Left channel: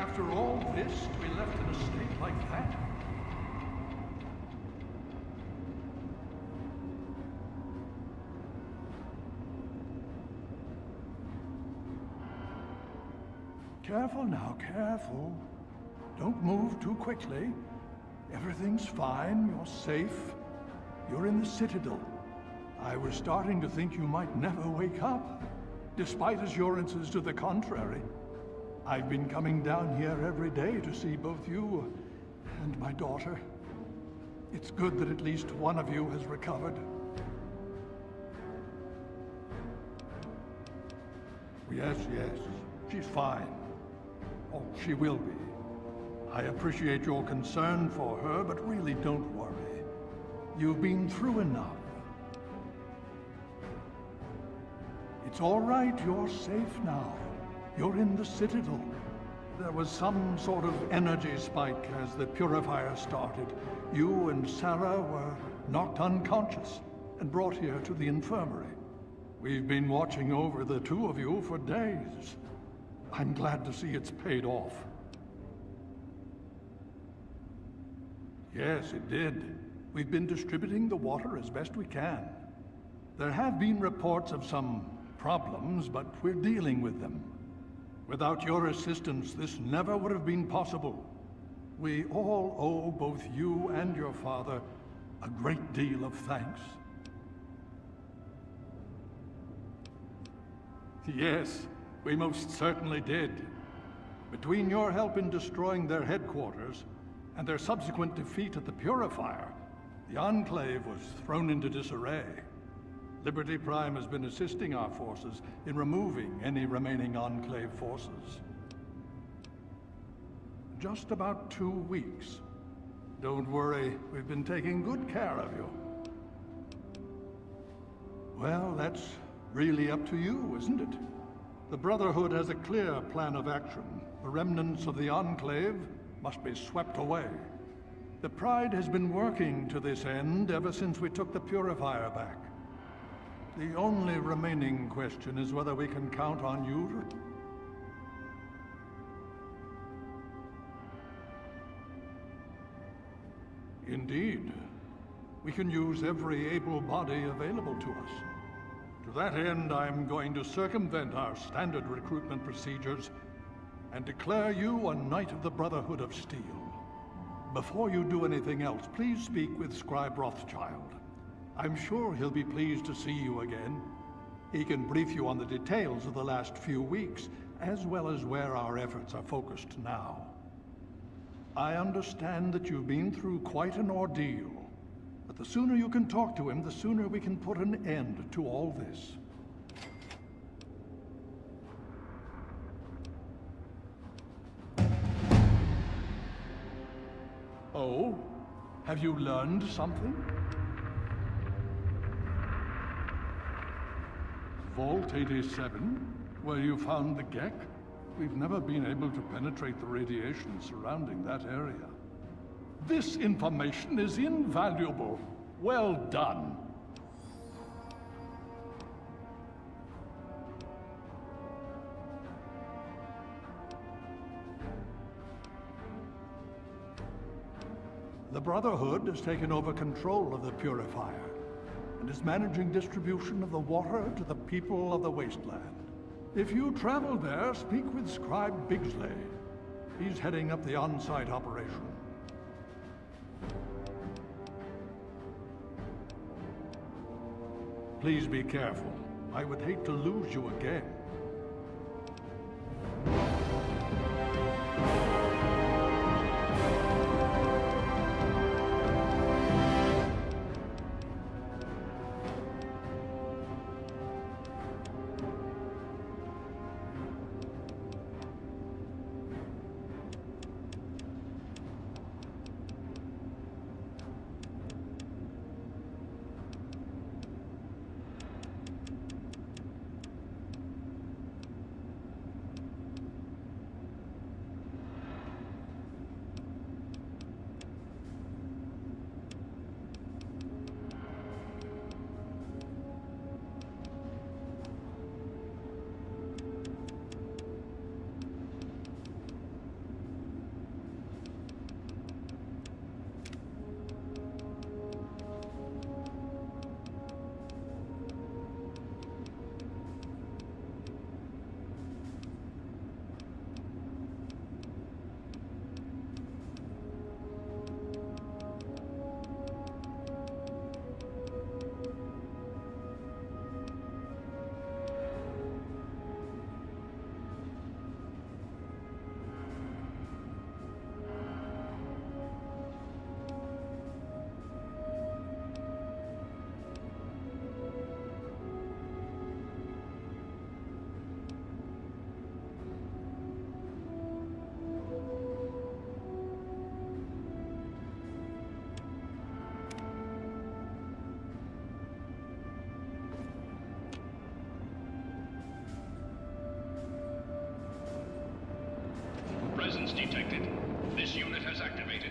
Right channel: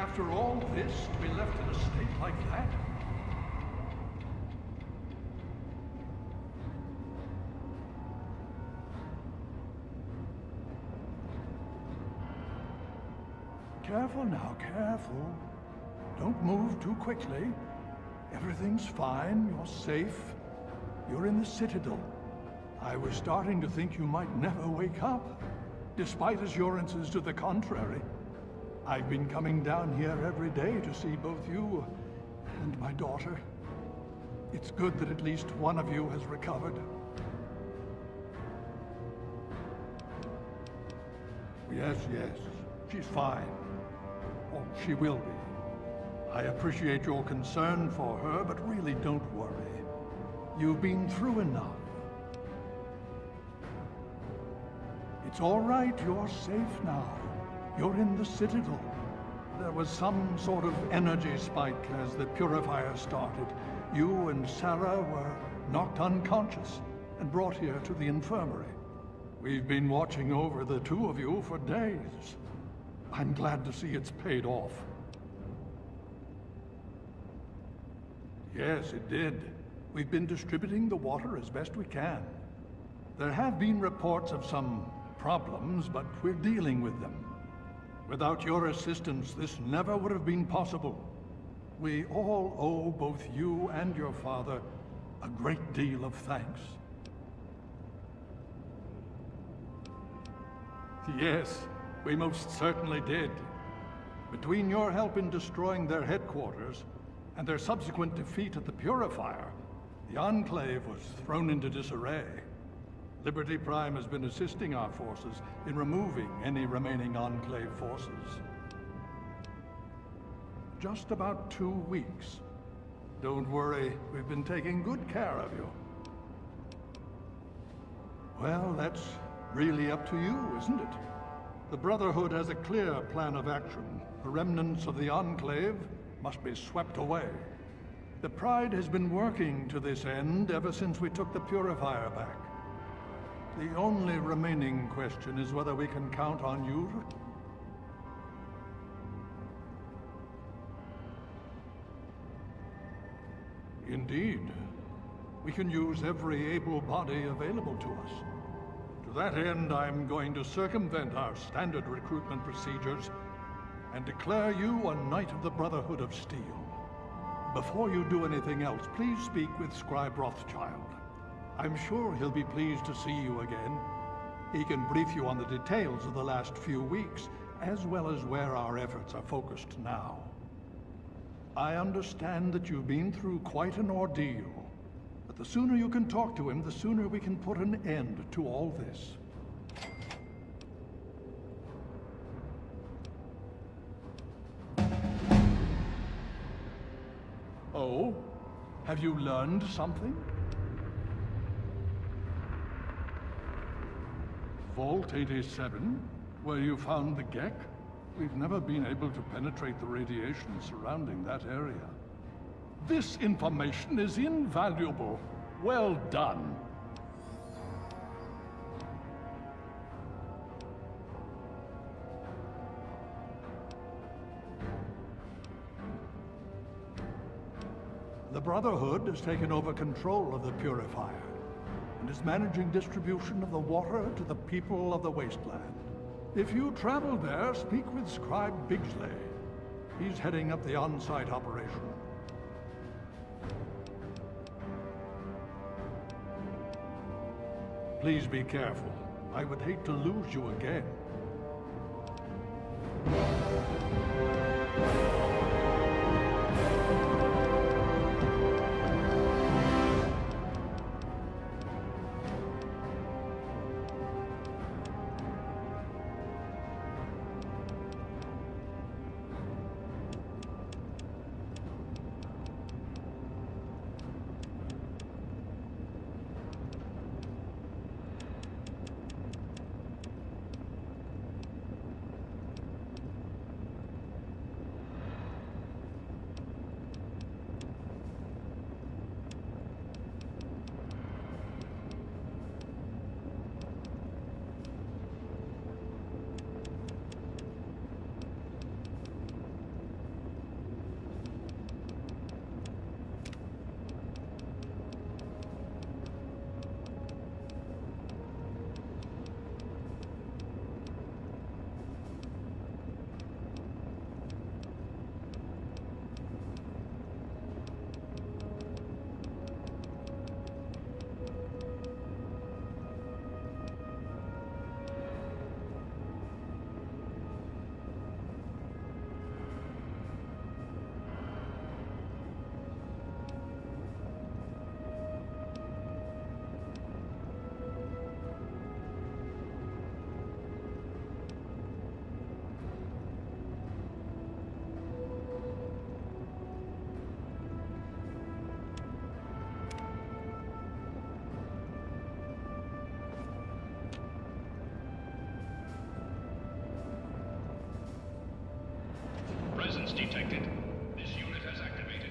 After all this, to be left in a state like that? Careful now, careful. Don't move too quickly. Everything's fine, you're safe. You're in the Citadel. I was starting to think you might never wake up, despite assurances to the contrary. I've been coming down here every day to see both you and my daughter. It's good that at least one of you has recovered. Yes, yes, she's fine. Oh, she will be. I appreciate your concern for her, but really don't worry. You've been through enough. It's all right, you're safe now. You're in the Citadel. There was some sort of energy spike as the purifier started. You and Sarah were knocked unconscious and brought here to the infirmary. We've been watching over the two of you for days. I'm glad to see it's paid off. Yes, it did. We've been distributing the water as best we can. There have been reports of some problems, but we're dealing with them. Without your assistance, this never would have been possible. We all owe both you and your father a great deal of thanks. Yes, we most certainly did. Between your help in destroying their headquarters and their subsequent defeat at the Purifier, the Enclave was thrown into disarray. Liberty Prime has been assisting our forces in removing any remaining Enclave forces. Just about 2 weeks. Don't worry, we've been taking good care of you. Well, that's really up to you, isn't it? The Brotherhood has a clear plan of action. The remnants of the Enclave must be swept away. The Pride has been working to this end ever since we took the Purifier back. The only remaining question is whether we can count on you to... Indeed. We can use every able body available to us. To that end, I'm going to circumvent our standard recruitment procedures and declare you a Knight of the Brotherhood of Steel. Before you do anything else, please speak with Scribe Rothschild. I'm sure he'll be pleased to see you again. He can brief you on the details of the last few weeks, as well as where our efforts are focused now. I understand that you've been through quite an ordeal, but the sooner you can talk to him, the sooner we can put an end to all this. Oh? Have you learned something? Vault 87? Where you found the Gek? We've never been able to penetrate the radiation surrounding that area. This information is invaluable. Well done. The Brotherhood has taken over control of the Purifier and is managing distribution of the water to the people of the Wasteland. If you travel there, speak with Scribe Bigsley. He's heading up the on-site operation. Please be careful. I would hate to lose you again. detected. This unit has activated.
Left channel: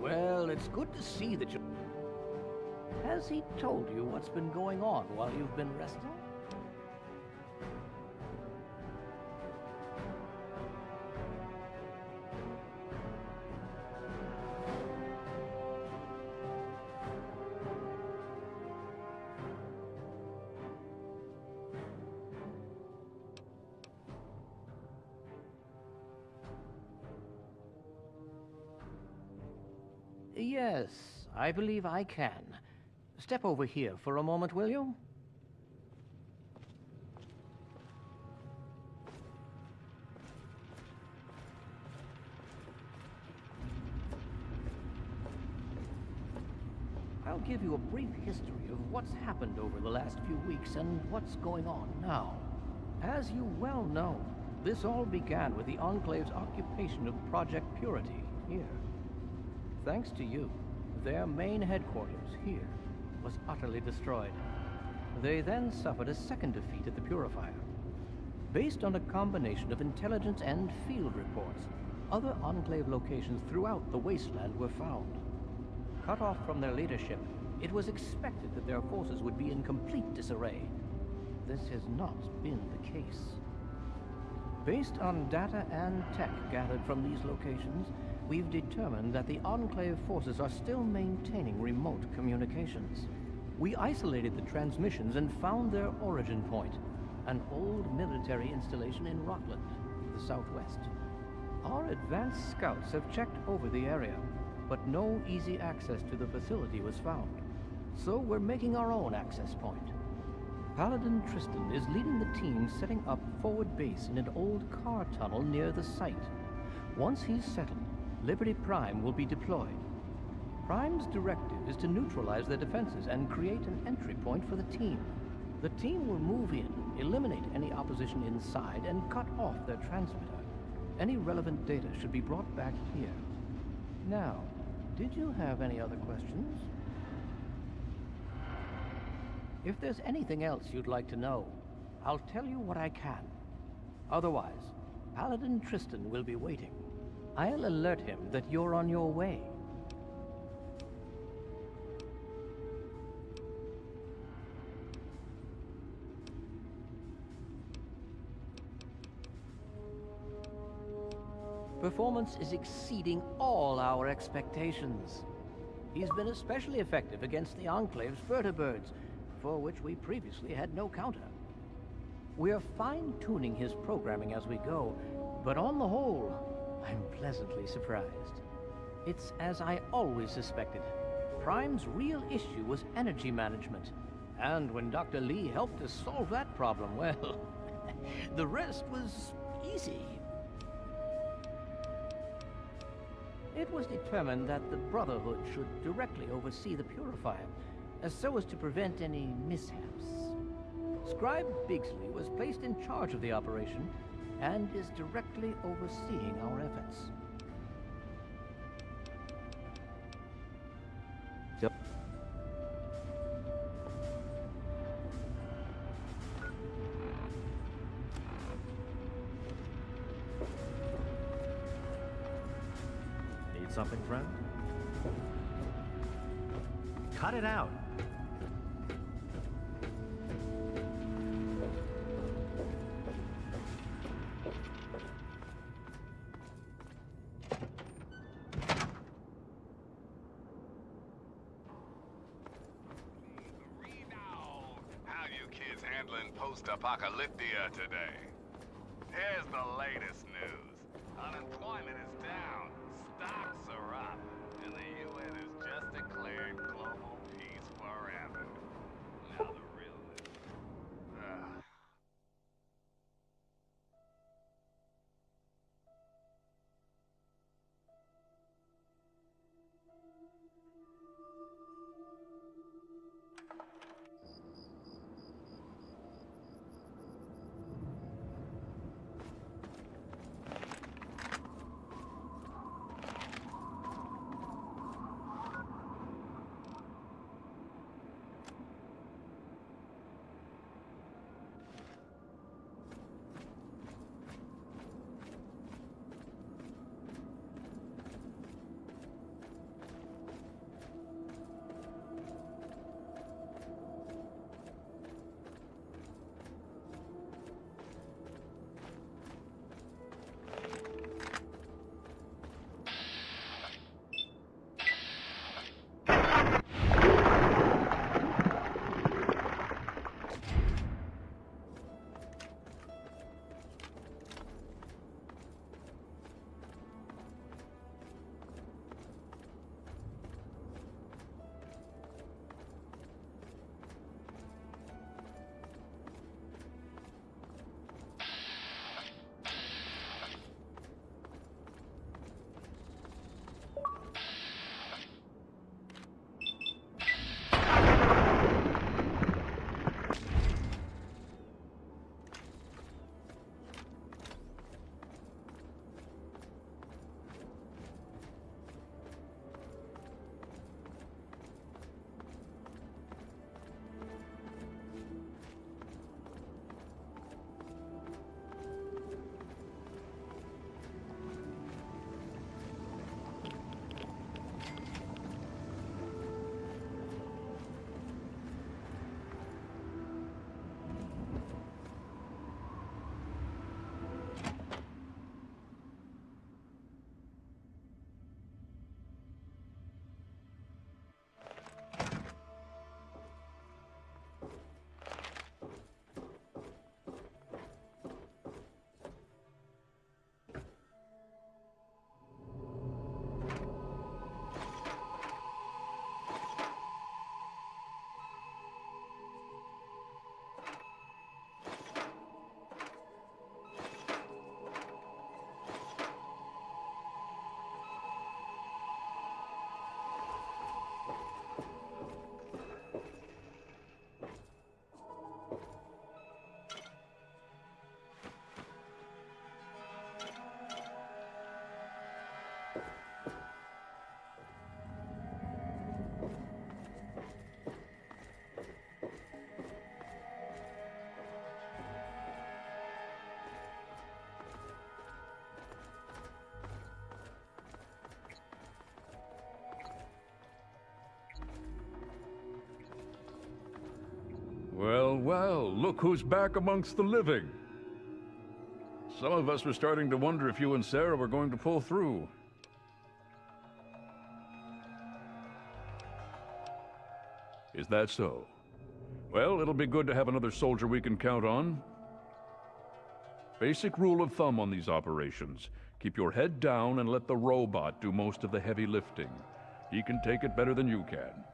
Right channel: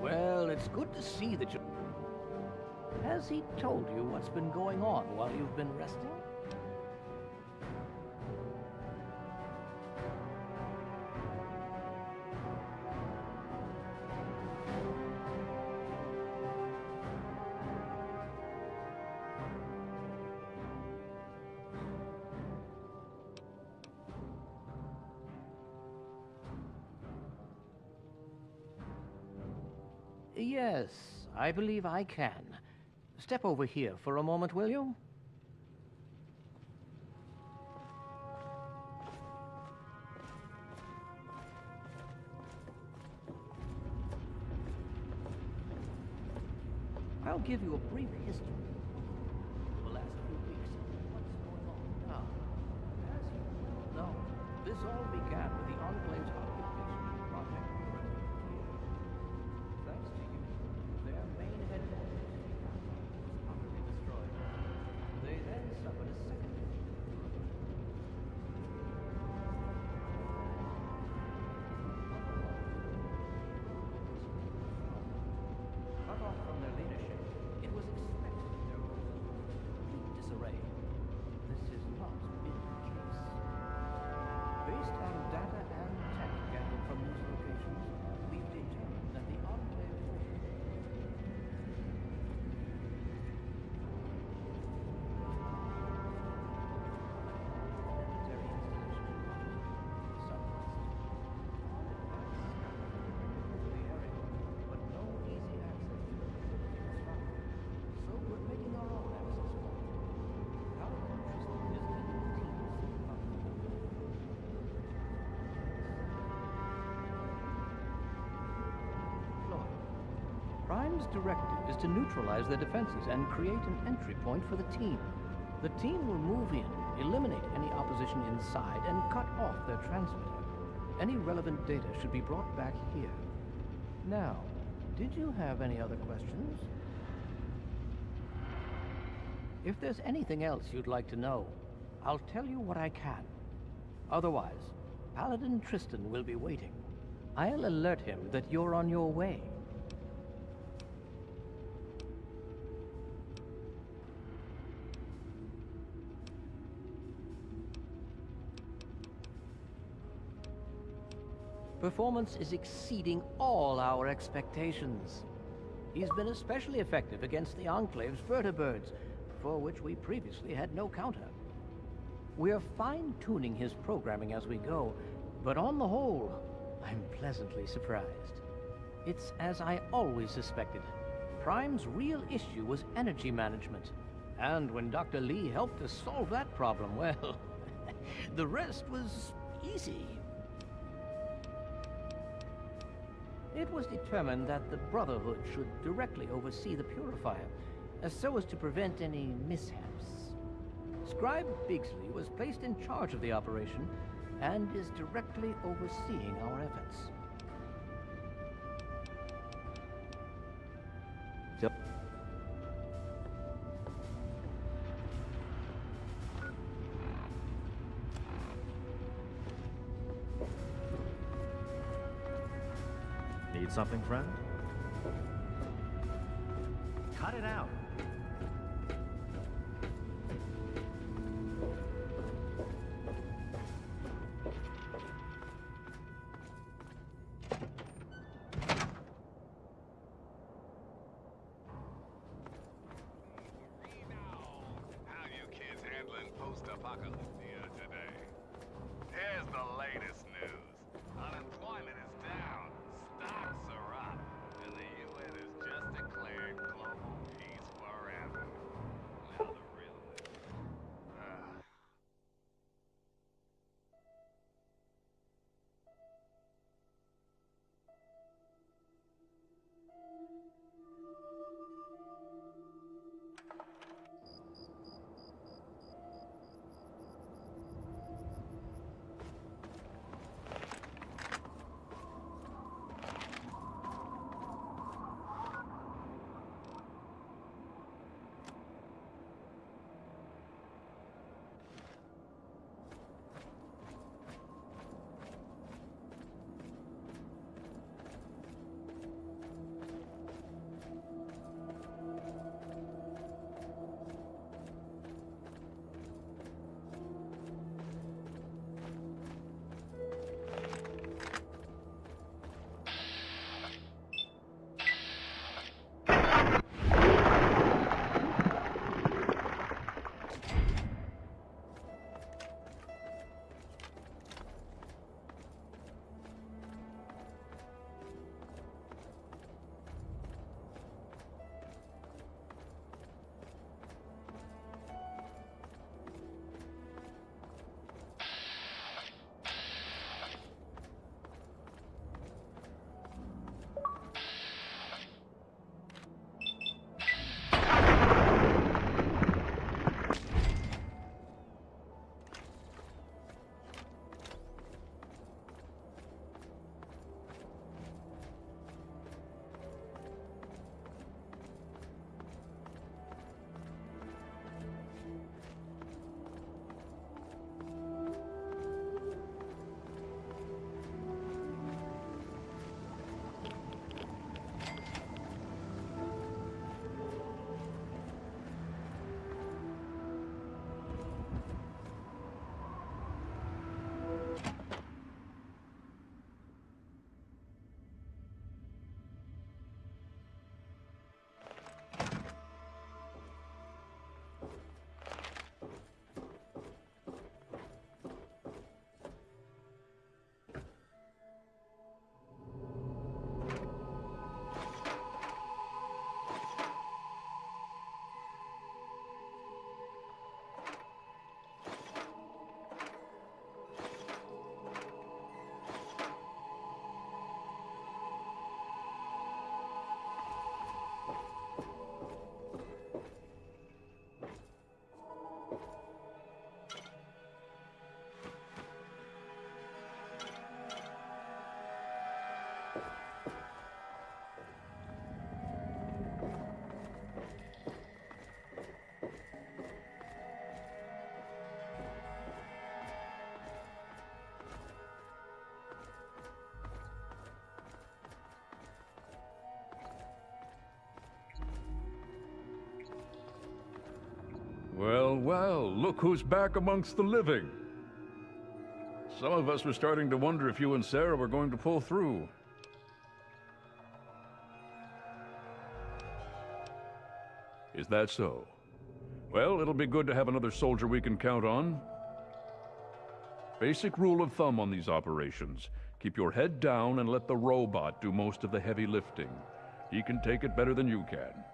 Well, it's good to see that you... Has he told you what's been going on while you've been resting? Yes, I believe I can. Step over here for a moment, will you? I'll give you a brief history of what's happened over the last few weeks and what's going on now. As you well know, this all began with the Enclave's occupation of Project Purity here. Thanks to you, their main headquarters here was utterly destroyed. They then suffered a second defeat at the Purifier. Based on a combination of intelligence and field reports, other Enclave locations throughout the wasteland were found. Cut off from their leadership, it was expected that their forces would be in complete disarray. This has not been the case. Based on data and tech gathered from these locations, we've determined that the Enclave forces are still maintaining remote communications. We isolated the transmissions and found their origin point, an old military installation in Rockland, the southwest. Our advanced scouts have checked over the area, but no easy access to the facility was found. So we're making our own access point. Paladin Tristan is leading the team setting up forward base in an old car tunnel near the site. Once he's settled, Liberty Prime will be deployed. Prime's directive is to neutralize their defenses and create an entry point for the team. The team will move in, eliminate any opposition inside, and cut off their transmitter. Any relevant data should be brought back here. Now, did you have any other questions? If there's anything else you'd like to know, I'll tell you what I can. Otherwise, Paladin Tristan will be waiting. I'll alert him that you're on your way. Performance is exceeding all our expectations. He's been especially effective against the Enclave's vertibirds, for which we previously had no counter. We're fine-tuning his programming as we go, but on the whole, I'm pleasantly surprised. It's as I always suspected. Prime's real issue was energy management. And when Dr. Lee helped us solve that problem, well, the rest was easy. It was determined that the Brotherhood should directly oversee the Purifier, so as to prevent any mishaps. Scribe Bigsley was placed in charge of the operation and is directly overseeing our efforts. Yep. Need something? Cut it out. Handling post-apocalyptia today. Here's the latest news. Well, well, look who's back amongst the living. Some of us were starting to wonder if you and Sarah were going to pull through. Is that so? Well, it'll be good to have another soldier we can count on. Basic rule of thumb on these operations. Keep your head down and let the robot do most of the heavy lifting. He can take it better than you can.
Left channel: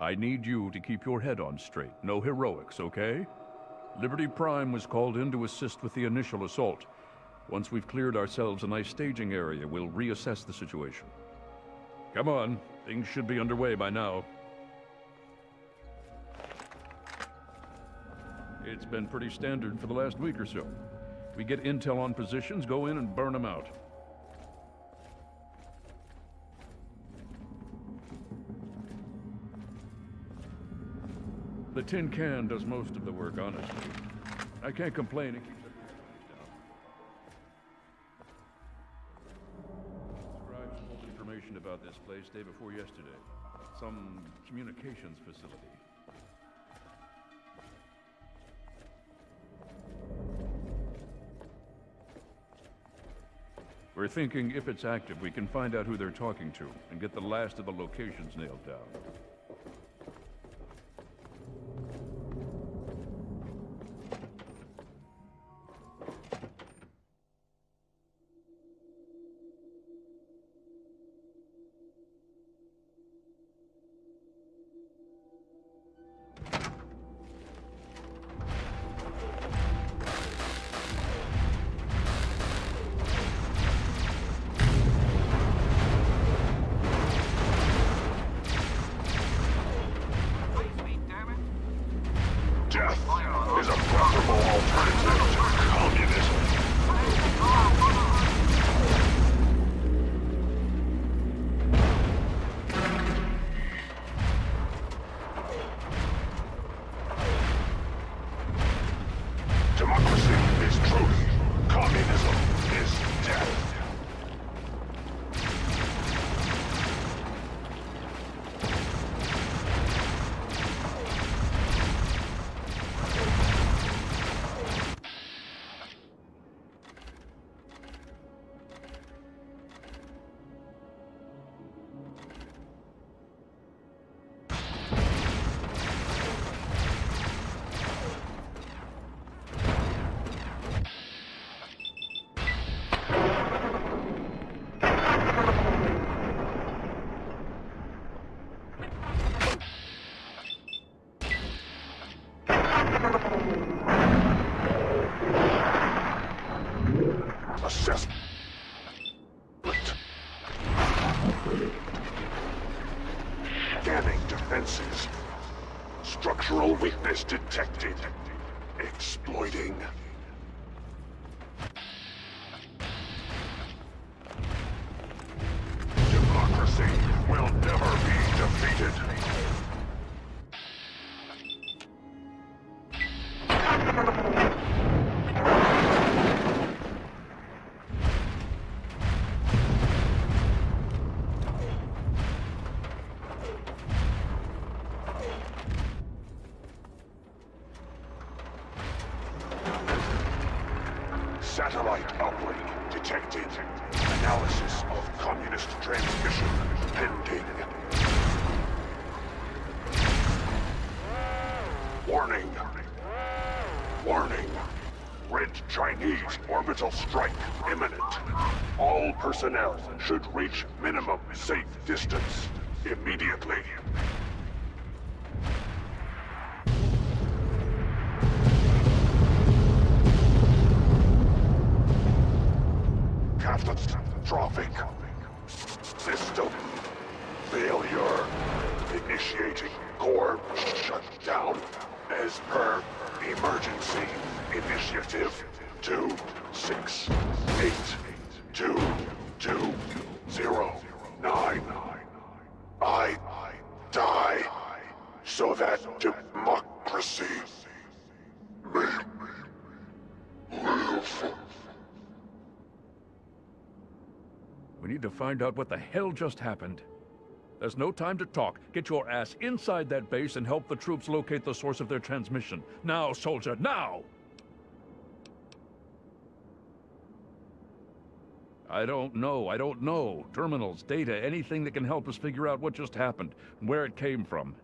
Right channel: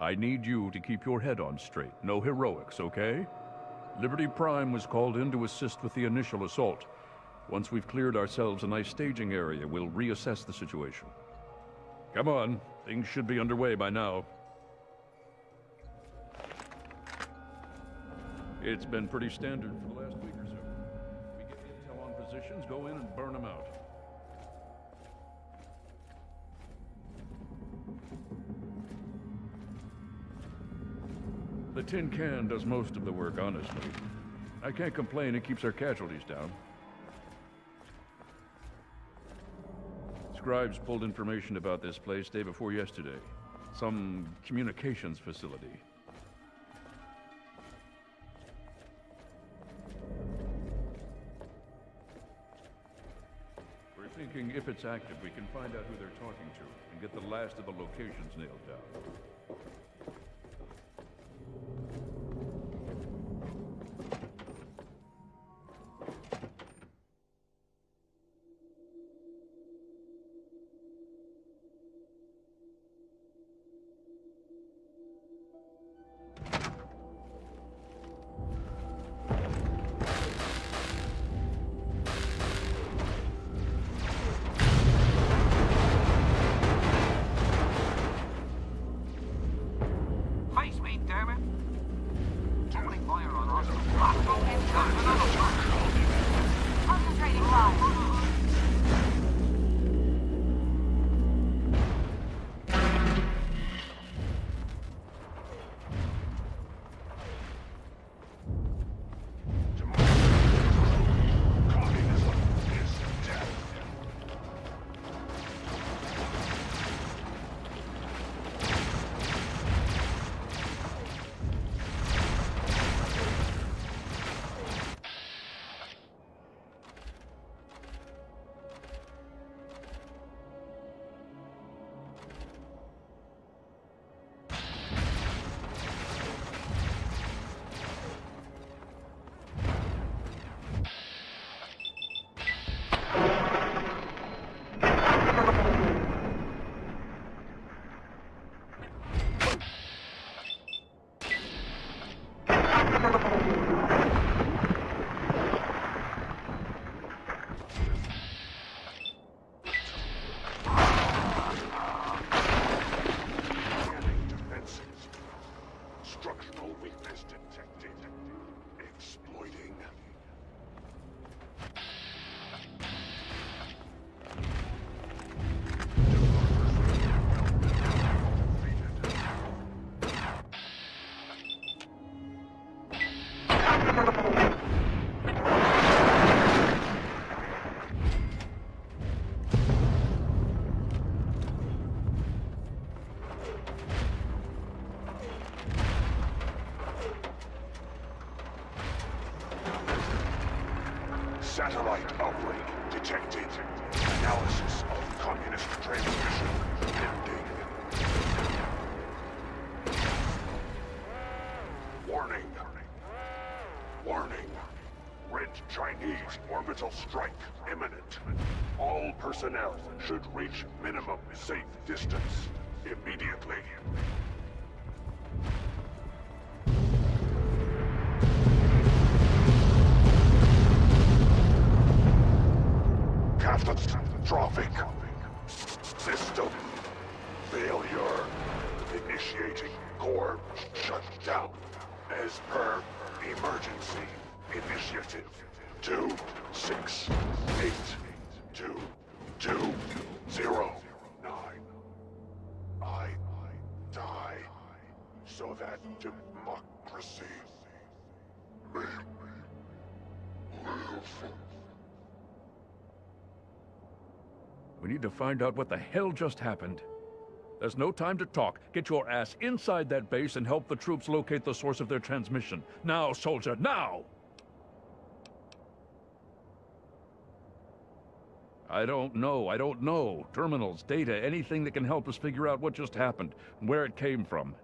I need you to keep your head on straight. No heroics, okay? Liberty Prime was called in to assist with the initial assault. Once we've cleared ourselves a nice staging area, we'll reassess the situation. Come on, things should be underway by now. It's been pretty standard for the last week or so. We get intel on positions, go in and burn them out. The tin can does most of the work, honestly. I can't complain, it keeps our casualties down. Scribes pulled information about this place day before yesterday. Some communications facility. We're thinking if it's active, we can find out who they're talking to and get the last of the locations nailed down. Death is a preferable alternative to communism. Democracy is truth. Communism is death. Assessment. Scanning defenses. Structural weakness detected. Exploiting. Democracy will never be defeated. Satellite uplink detected. Analysis of communist transmission pending. Warning. Warning. Red Chinese orbital strike imminent. All personnel should reach minimum safe distance immediately. Catastrophic. System failure. Initiating core shutdown as per emergency initiative 268-209. I die so that democracy may live. We need to find out what the hell just happened. There's no time to talk. Get your ass inside that base and help the troops locate the source of their transmission. Now, soldier, now! I don't know. Terminals, data, anything that can help us figure out what just happened and where it came from.